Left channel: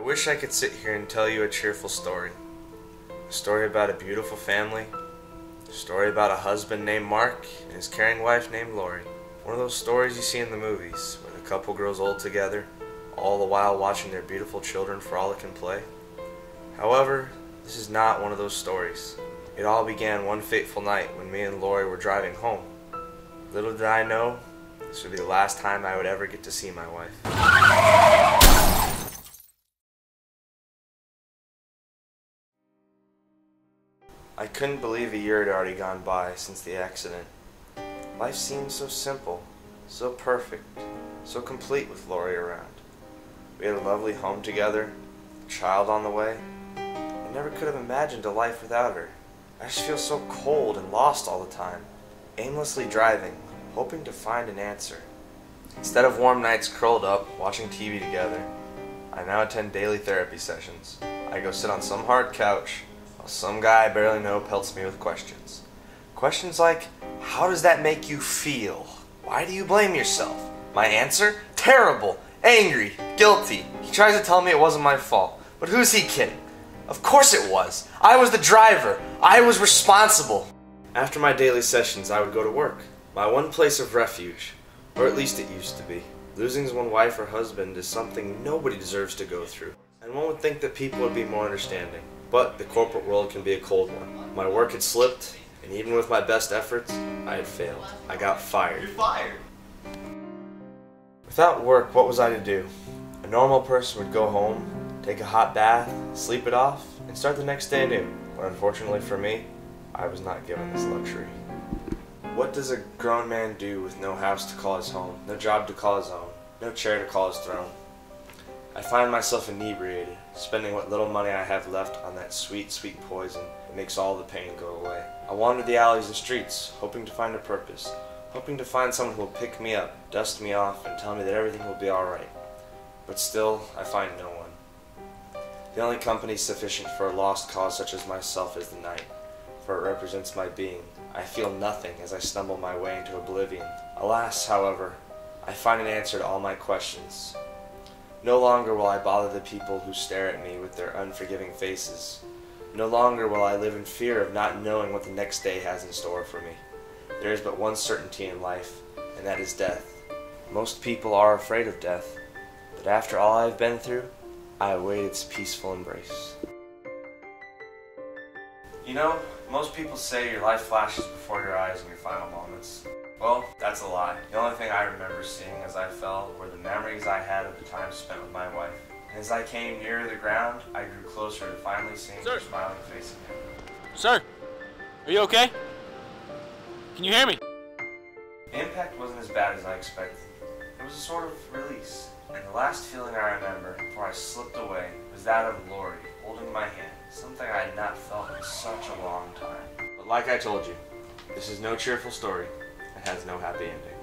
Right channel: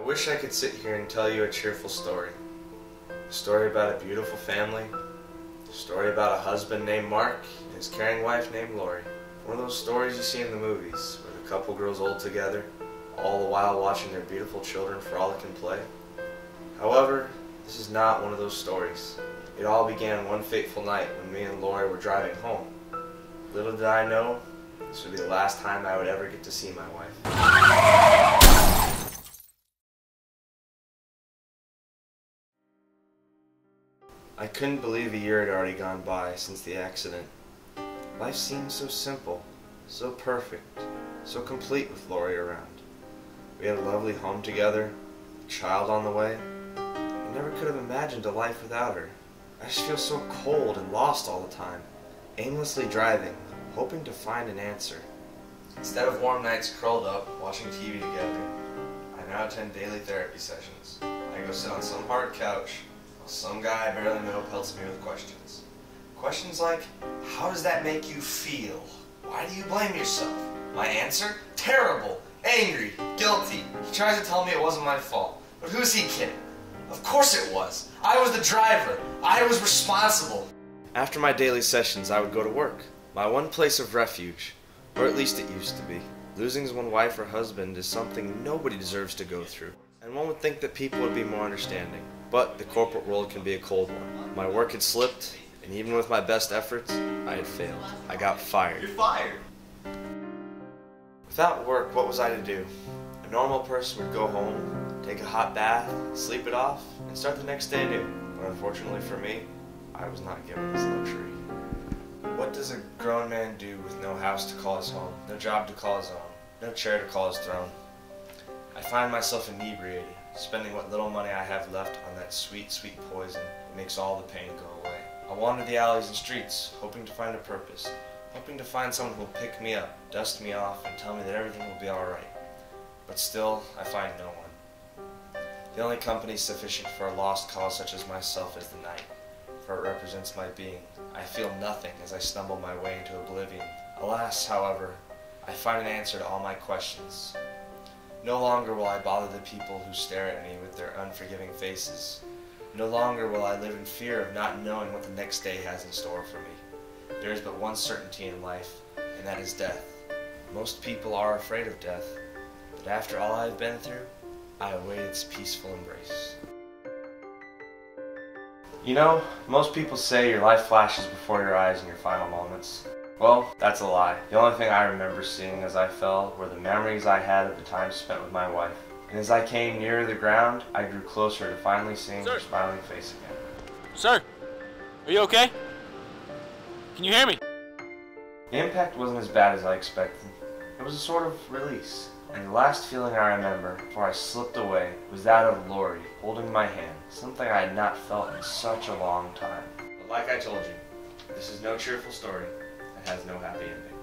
I wish I could sit here and tell you a cheerful story. A story about a beautiful family. A story about a husband named Mark and his caring wife named Lori. One of those stories you see in the movies, where the couple grows old together, all the while watching their beautiful children frolic and play. However, this is not one of those stories. It all began one fateful night when me and Lori were driving home. Little did I know, this would be the last time I would ever get to see my wife. I couldn't believe a year had already gone by since the accident. Life seemed so simple, so perfect, so complete with Lori around. We had a lovely home together, a child on the way. I never could have imagined a life without her. I just feel so cold and lost all the time, aimlessly driving, hoping to find an answer. Instead of warm nights curled up, watching TV together, I now attend daily therapy sessions. I go sit on some hard couch, while some guy I barely know pelts me with questions. Questions like, how does that make you feel? Why do you blame yourself? My answer? Terrible, angry, guilty. He tries to tell me it wasn't my fault, but who's he kidding? Of course it was. I was the driver. I was responsible. After my daily sessions, I would go to work. My one place of refuge, or at least it used to be. Losing one wife or husband is something nobody deserves to go through, and one would think that people would be more understanding. But the corporate world can be a cold one. My work had slipped, and even with my best efforts, I had failed. I got fired. You're fired! Without work, what was I to do? A normal person would go home, take a hot bath, sleep it off, and start the next day anew. But unfortunately for me, I was not given this luxury. What does a grown man do with no house to call his home, no job to call his own, no chair to call his throne? I find myself inebriated, spending what little money I have left on that sweet, sweet poison that makes all the pain go away. I wander the alleys and streets, hoping to find a purpose, hoping to find someone who will pick me up, dust me off, and tell me that everything will be alright. But still, I find no one. The only company sufficient for a lost cause such as myself is the night, for it represents my being. I feel nothing as I stumble my way into oblivion. Alas, however, I find an answer to all my questions. No longer will I bother the people who stare at me with their unforgiving faces. No longer will I live in fear of not knowing what the next day has in store for me. There is but one certainty in life, and that is death. Most people are afraid of death, but after all I have been through, I await its peaceful embrace. You know, most people say your life flashes before your eyes in your final moments. Well, that's a lie. The only thing I remember seeing as I fell were the memories I had of the time spent with my wife. And as I came nearer the ground, I grew closer to finally seeing her smiling face again. Sir, are you okay? Can you hear me? The impact wasn't as bad as I expected. It was a sort of release. And the last feeling I remember before I slipped away was that of Lori holding my hand, something I had not felt in such a long time. But like I told you, this is no cheerful story and has no happy ending.